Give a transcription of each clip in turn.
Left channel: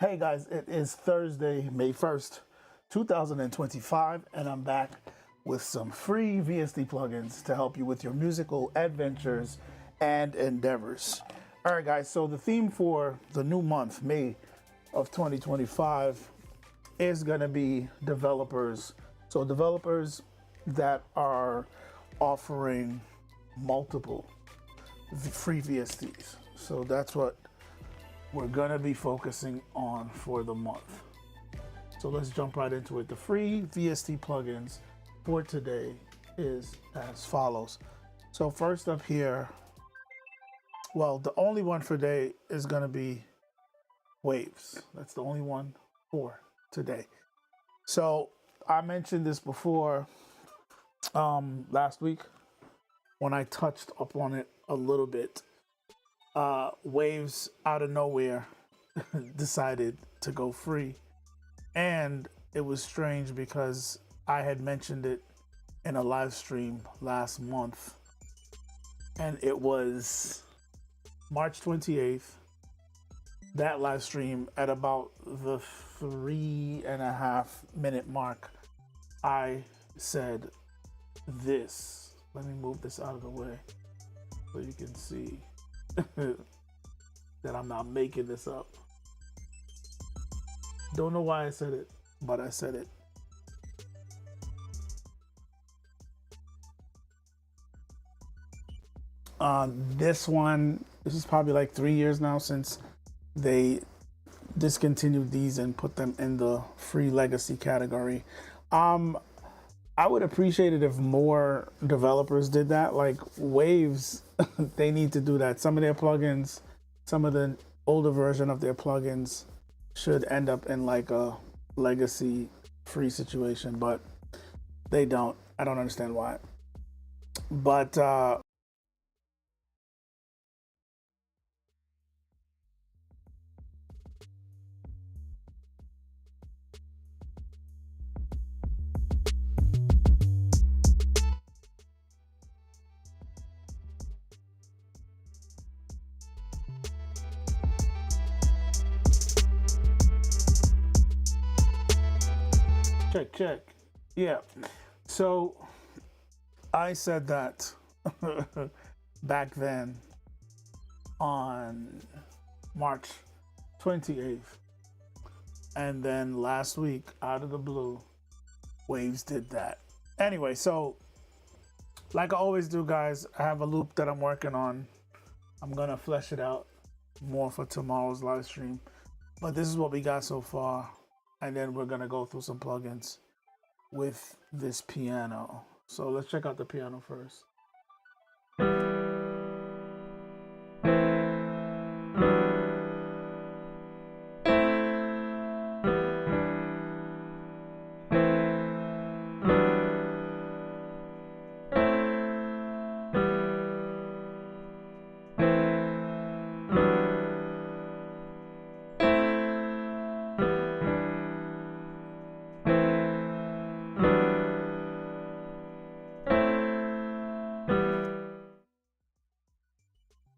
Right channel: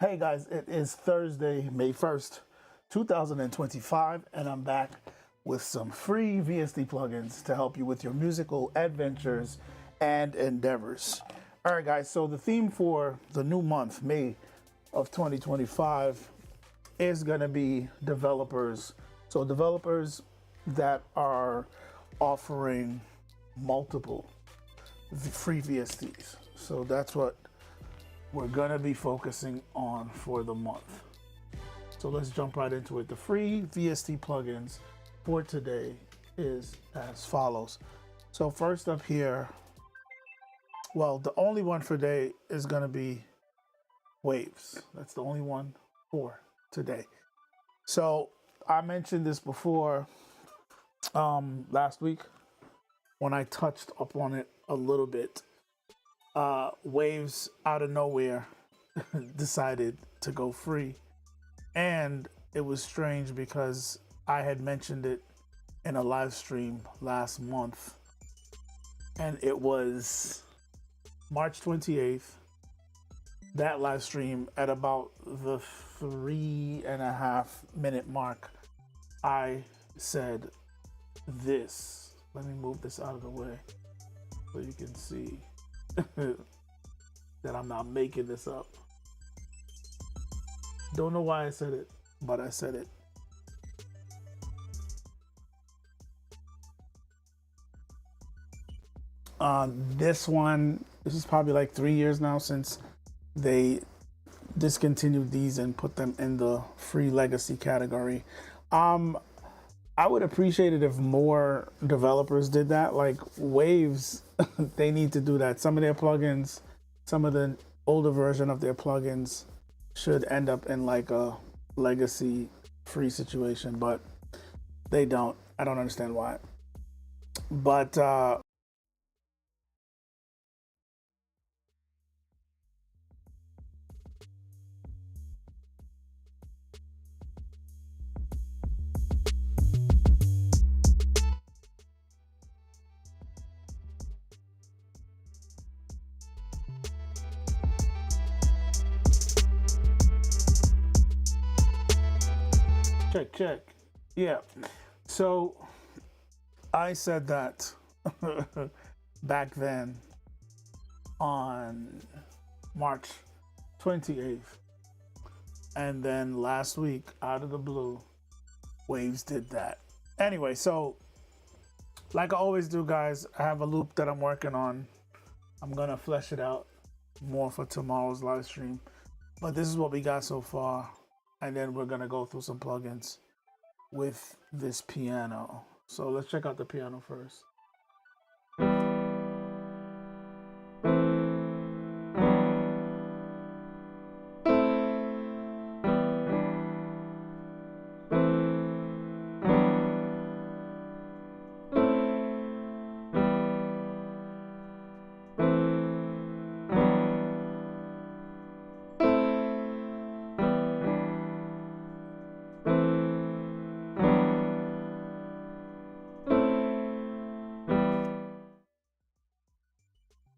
Hey guys, it is Thursday, May 1st, 2025, and I'm back with some free VST plugins to help you with your musical adventures and endeavors. All right, guys, so the theme for the new month, May of 2025, is going to be developers. So, developers that are offering multiple free VSTs. So, that's what we're gonna be focusing on for the month. So let's jump right into it. The free VST plugins for today is as follows. So first up here, well, the only one for today is gonna be Waves. That's the only one for today. So I mentioned this before last week when I touched up on it a little bit. Waves out of nowhere decided to go free, and it was strange because I had mentioned it in a live stream last month, and it was March 28th. That live stream at about the 3.5 minute mark, I said this. Let me move this out of the way so you can see that I'm not making this up. Don't know why I said it, but I said it. This is probably like 3 years now since they discontinued these and put them in the free legacy category. I would appreciate it if more developers did that. Like Waves, they need to do that. Some of their plugins, some of the older version of their plugins should end up in like a legacy free situation, but they don't. I don't understand why. But check. Yeah. So I said that back then on March 28th. And then last week, out of the blue, Waves did that. Anyway, so like I always do, guys, I have a loop that I'm working on. I'm going to flesh it out more for tomorrow's live stream. But this is what we got so far. And then we're going to go through some plugins with this piano. So let's check out the piano first.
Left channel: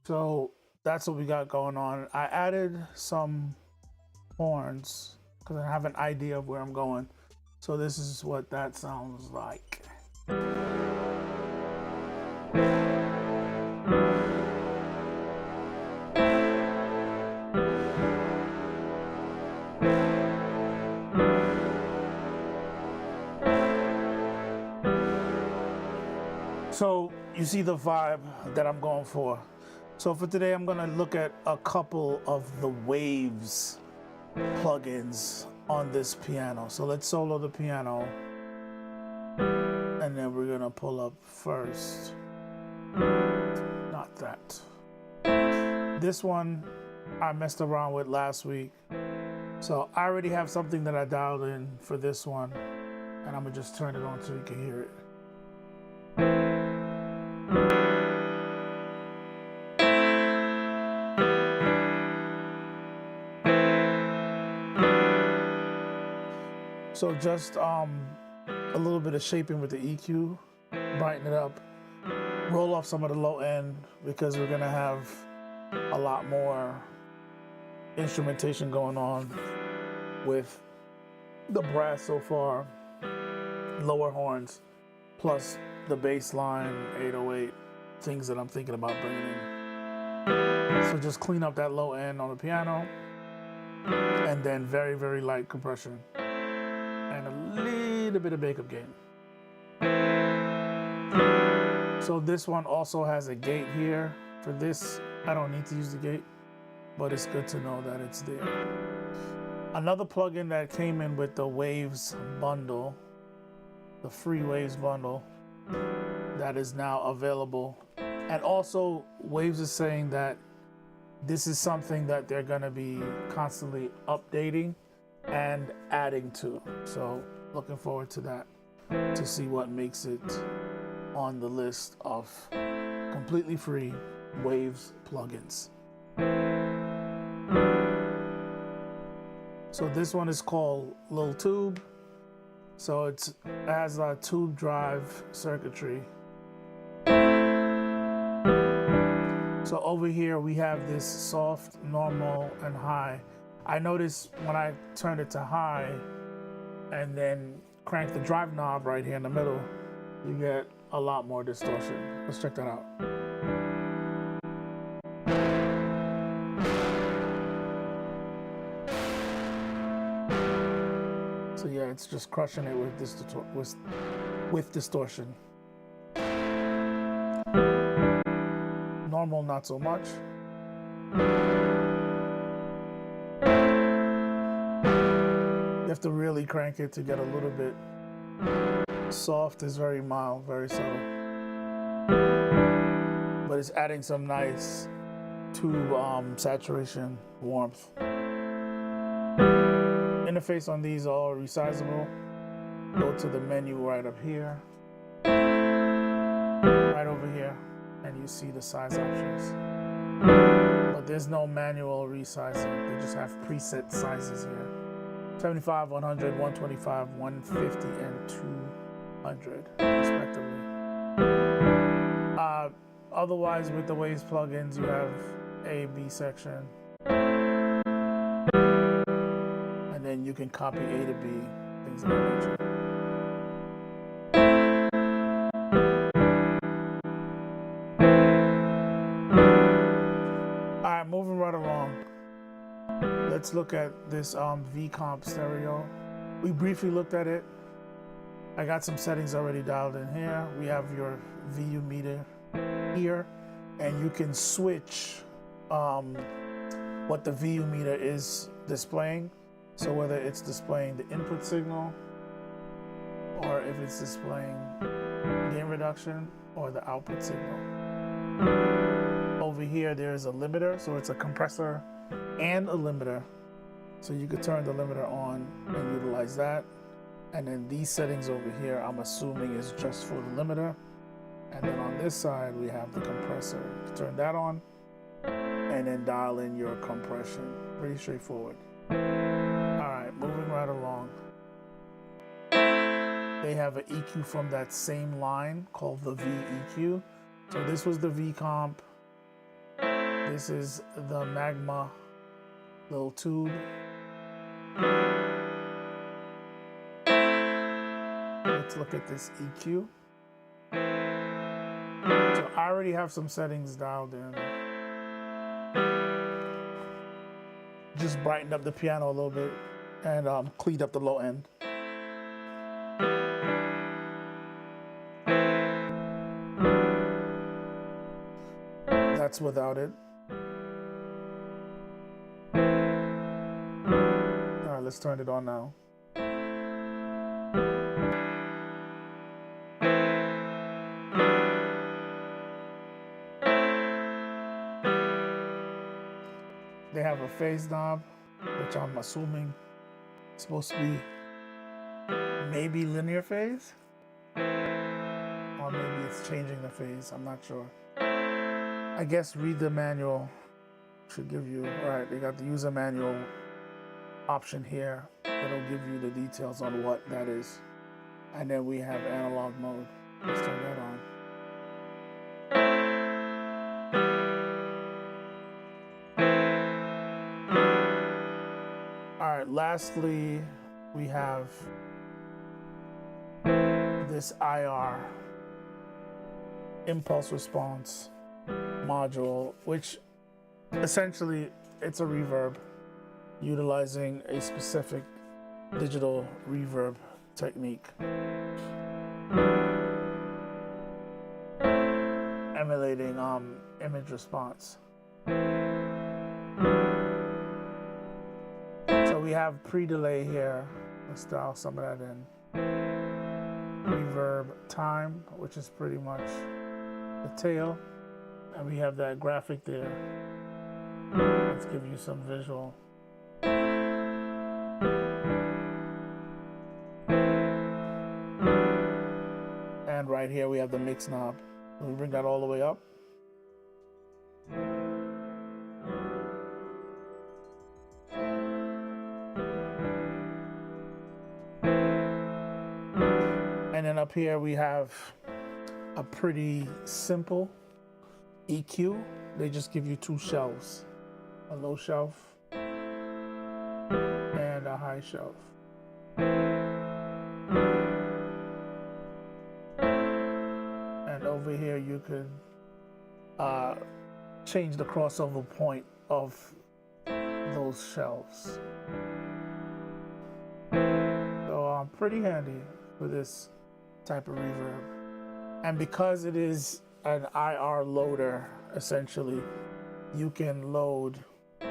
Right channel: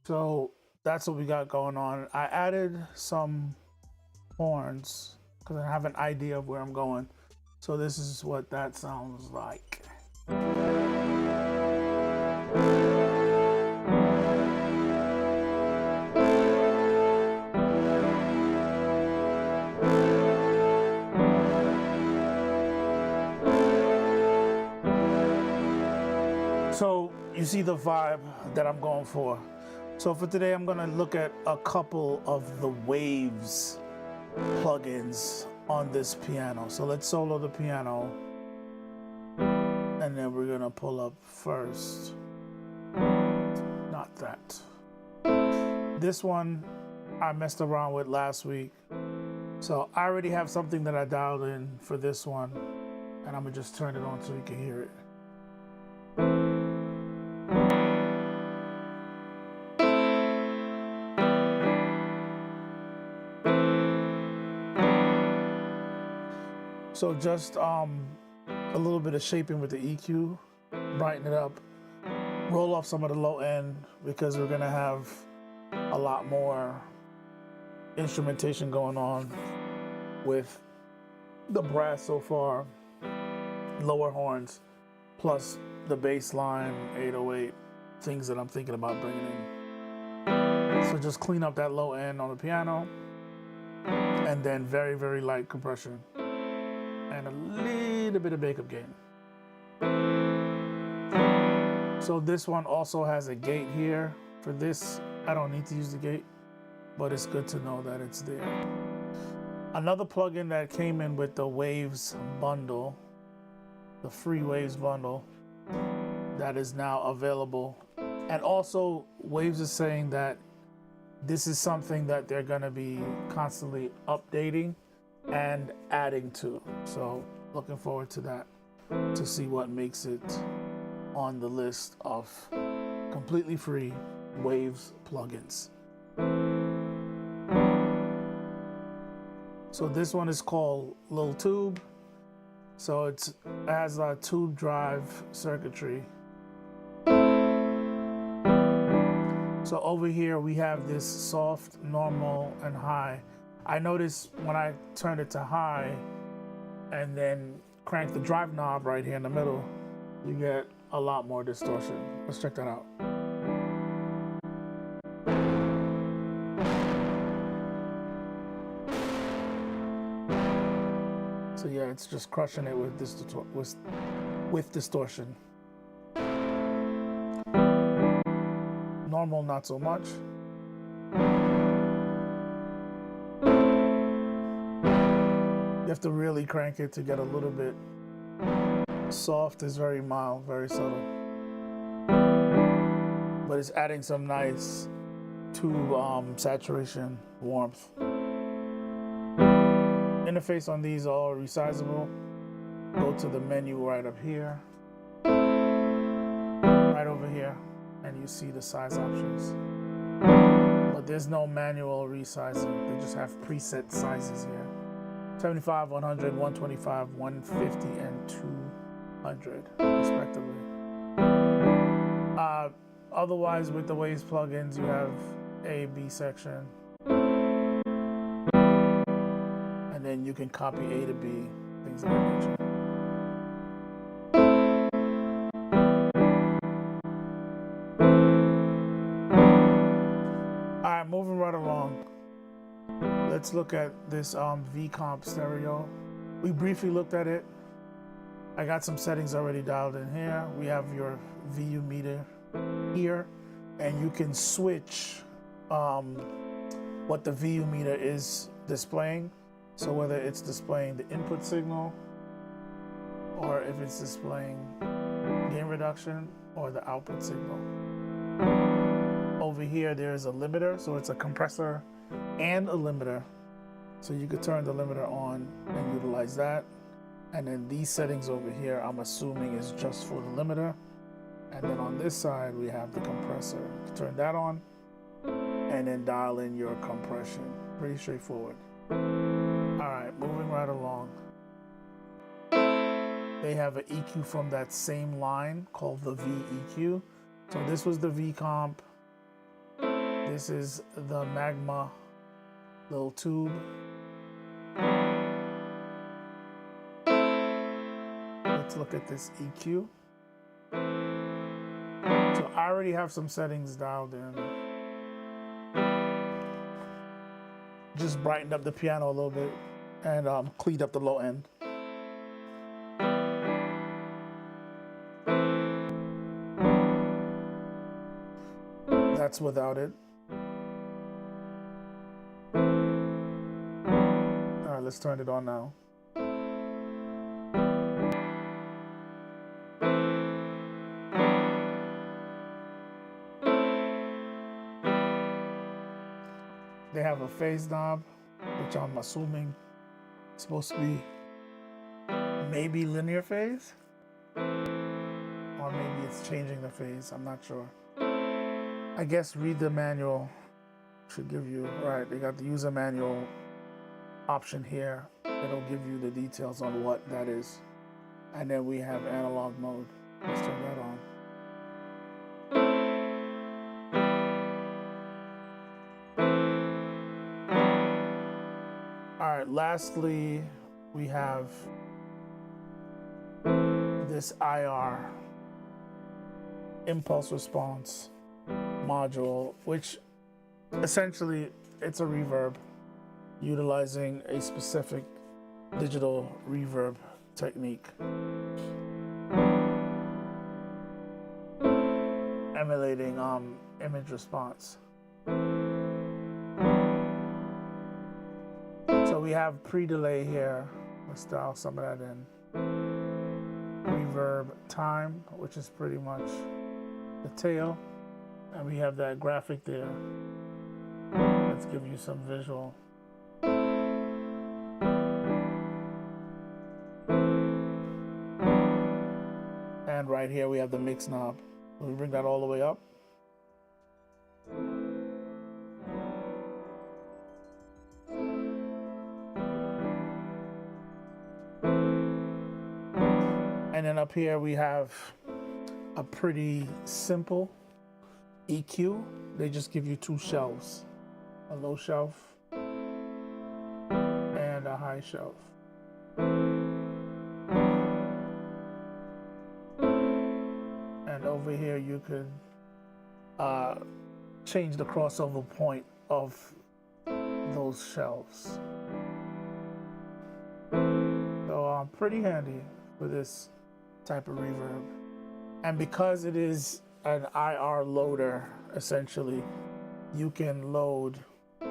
So that's what we got going on. I added some horns because I have an idea of where I'm going. So this is what that sounds like. So you see the vibe that I'm going for. So for today, I'm gonna look at a couple of the Waves plugins on this piano. So let's solo the piano And then we're gonna pull up first. Not that. This one I messed around with last week. So I already have something that I dialed in for this one. And I'm gonna just turn it on so you can hear it. So just a little bit of shaping with the EQ, brighten it up, roll off some of the low end because we're gonna have a lot more instrumentation going on with the brass so far, lower horns, plus the bass line, 808, things that I'm thinking about bringing in. So just clean up that low end on the piano, and then very, very light compression, and a little bit of makeup gain. So this one also has a gate here. For this, I don't need to use the gate, but it's good to know that it's there. Another plugin that came in with the Waves bundle, the free Waves bundle, that is now available. And also, Waves is saying that this is something that they're gonna be constantly updating and adding to. So looking forward to that, to see what makes it on the list of completely free Waves plugins. So this one is called Lil Tube. So it has a tube drive circuitry. So over here we have this soft, normal, and high. I noticed when I turned it to high and then crank the drive knob right here in the middle, you get a lot more distortion. Let's check that out. So yeah, it's just crushing it with this with distortion. Normal, not so much. You have to really crank it to get a little bit. Soft is very mild, very subtle. But it's adding some nice tube saturation, warmth. Interface on these are all resizable. Go to the menu right up here, right over here, and you see the size options. But there's no manual resizing. They just have preset sizes here. 75, 100, 125, 150, and 200, respectively. Otherwise, with the Waves plugins, you have A, B section. And then you can copy A to B, things of that nature. All right, moving right along. Let's look at this V-Comp stereo. We briefly looked at it. I got some settings already dialed in here. We have your VU meter here, and you can switch what the VU meter is displaying. So whether it's displaying the input signal, or if it's displaying gain reduction, or the output signal. Over here, there's a limiter, so it's a compressor and a limiter. So you could turn the limiter on and utilize that. And then these settings over here, I'm assuming is just for the limiter. And then on this side, we have the compressor. Turn that on and then dial in your compression. Pretty straightforward. All right, moving right along. They have an EQ from that same line called the VEQ. So this was the V-Comp. This is the Magma Lil Tube. Let's look at this EQ. So I already have some settings dialed in. Just brightened up the piano a little bit and cleaned up the low end. That's without it. All right, let's turn it on now. have a phase knob, which I'm assuming is supposed to be maybe linear phase, or maybe it's changing the phase. I'm not sure. I guess read the manual should give you, right, they got the user manual option here. It'll give you the details on what that is. And then we have analog mode. Let's turn that on. All right, lastly, we have this IR, impulse response module, which essentially it's a reverb utilizing a specific digital reverb technique, emulating image response. So we have pre-delay here. Let's dial some of that in. Reverb time, which is pretty much the tail, and we have that graphic there. Let's give you some visual. And right here we have the mix knob. We bring that all the way up. And then up here we have a pretty simple EQ. They just give you two shelves, a low shelf and a high shelf. And over here you could change the crossover point of those shelves. So pretty handy for this type of reverb. And because it is an IR loader, essentially, you can load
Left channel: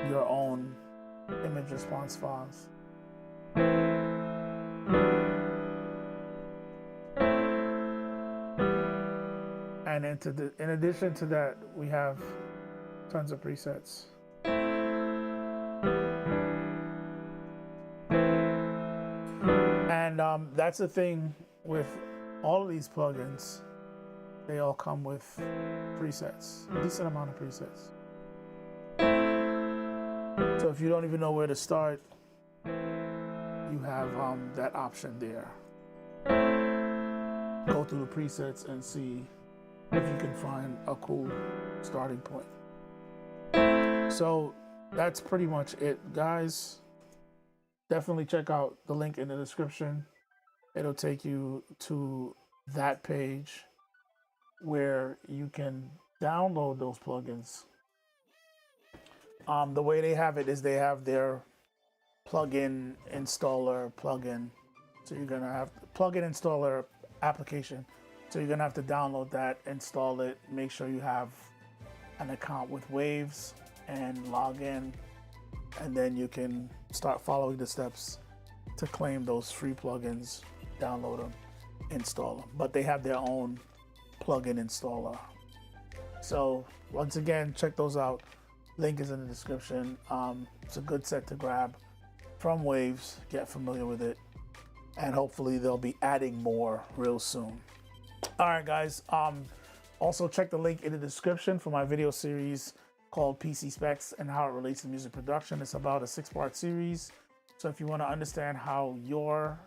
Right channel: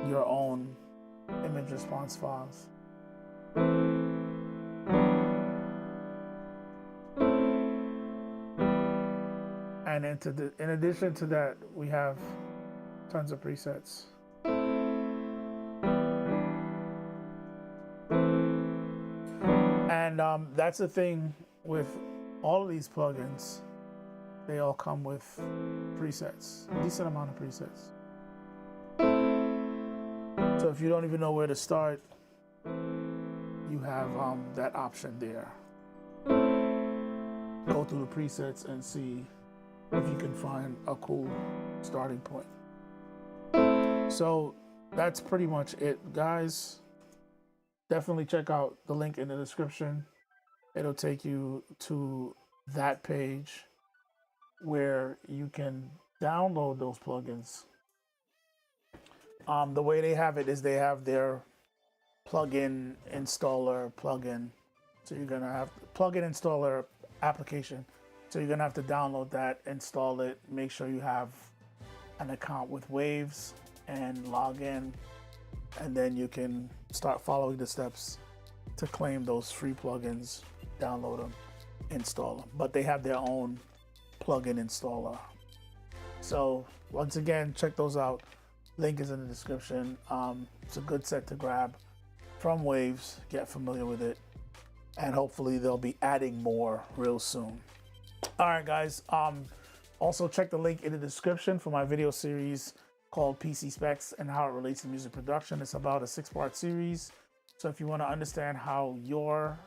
your own image response files. And in addition to that, we have tons of presets. And that's the thing with all of these plugins. They all come with presets, a decent amount of presets. So if you don't even know where to start, you have that option there. Go through the presets and see if you can find a cool starting point. So that's pretty much it, guys. Definitely check out the link in the description. It'll take you to that page where you can download those plugins. The way they have it is they have their plugin installer plugin. So you're gonna have plugin installer application. So you're gonna have to download that, install it, make sure you have an account with Waves and log in, and then you can start following the steps to claim those free plugins, download them, install them. But they have their own plugin installer. So once again, check those out. Link is in the description. It's a good set to grab from Waves. Get familiar with it, and hopefully they'll be adding more real soon. All right, guys. Also check the link in the description for my video series called PC Specs and how it relates to music production. It's about a 6-part series. So if you want to understand how your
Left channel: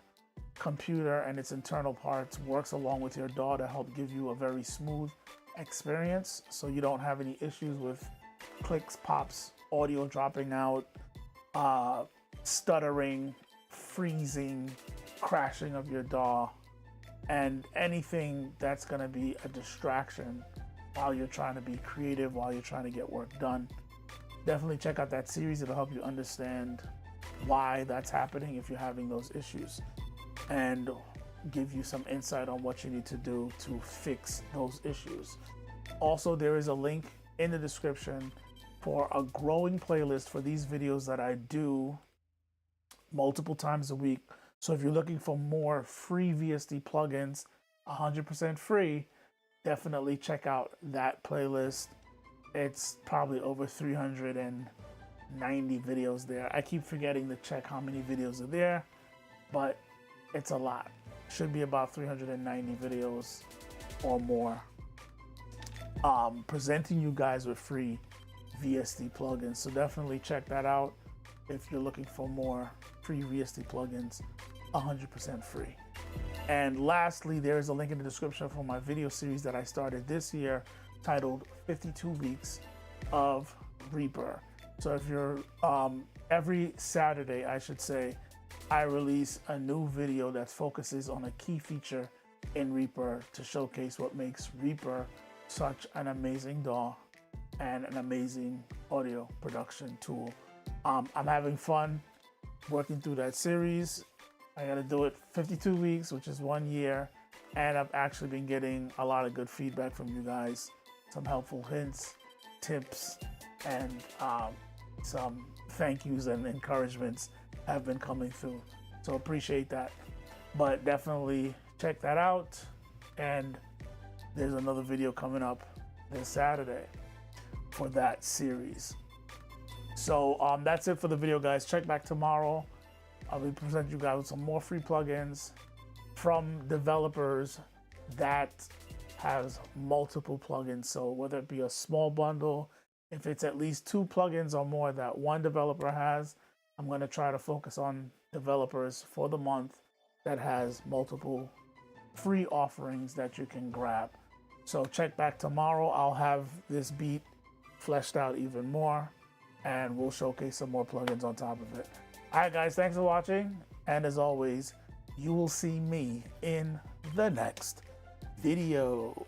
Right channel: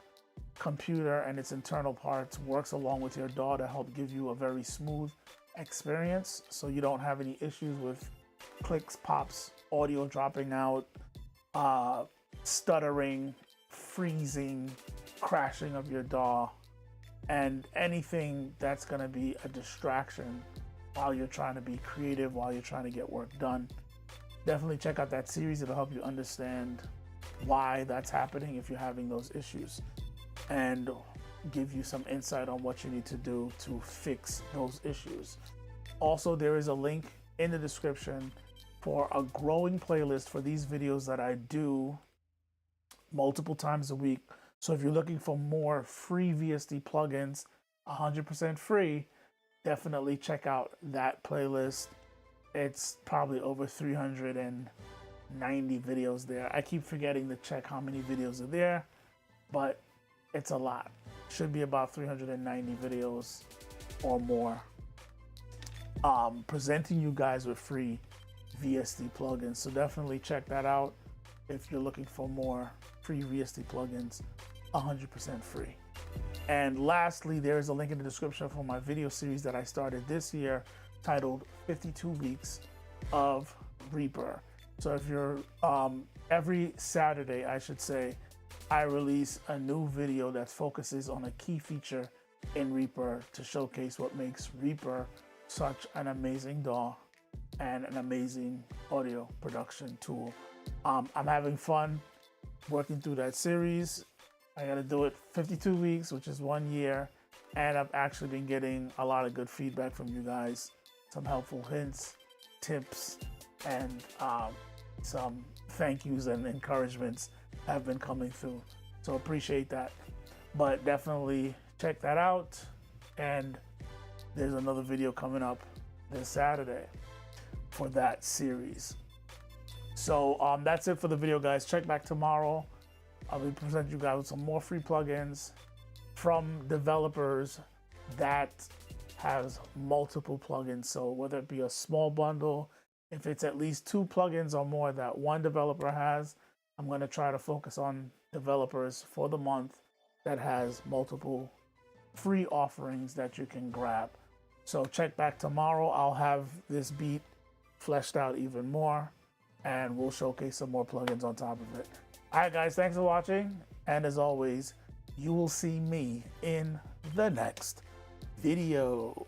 computer and its internal parts works along with your DAW to help give you a very smooth experience, so you don't have any issues with clicks, pops, audio dropping out, stuttering, freezing, crashing of your DAW, and anything that's going to be a distraction while you're trying to be creative, while you're trying to get work done. Definitely check out that series. It'll help you understand why that's happening if you're having those issues, and give you some insight on what you need to do to fix those issues. Also, there is a link in the description for a growing playlist for these videos that I do multiple times a week. So if you're looking for more free VST plugins, 100% free, definitely check out that playlist. It's probably over 390 90 videos there. I keep forgetting to check how many videos are there, but it's a lot. Should be about 390 videos or more, presenting you guys with free VST plugins. So definitely check that out if you're looking for more free VST plugins, 100% free. And lastly, there's a link in the description for my video series that I started this year titled 52 Weeks of Reaper. So if you're, every Saturday, I should say, I release a new video that focuses on a key feature in Reaper to showcase what makes Reaper such an amazing DAW and an amazing audio production tool. I'm having fun working through that series. I got to do it 52 weeks, which is 1 year. And I've actually been getting a lot of good feedback from you guys. Some helpful hints, tips, and some thank yous and encouragements have been coming through. So appreciate that. But definitely check that out. And there's another video coming up this Saturday for that series. So that's it for the video, guys. Check back tomorrow. I'll be presenting you guys with some more free plugins from developers that has multiple plugins. So whether it be a small bundle, if it's at least 2 plugins or more that one developer has, I'm going to try to focus on developers for the month that has multiple free offerings that you can grab. So check back tomorrow. I'll have this beat fleshed out even more, and we'll showcase some more plugins on top of it. All right, guys, thanks for watching. And as always, you will see me in the next video.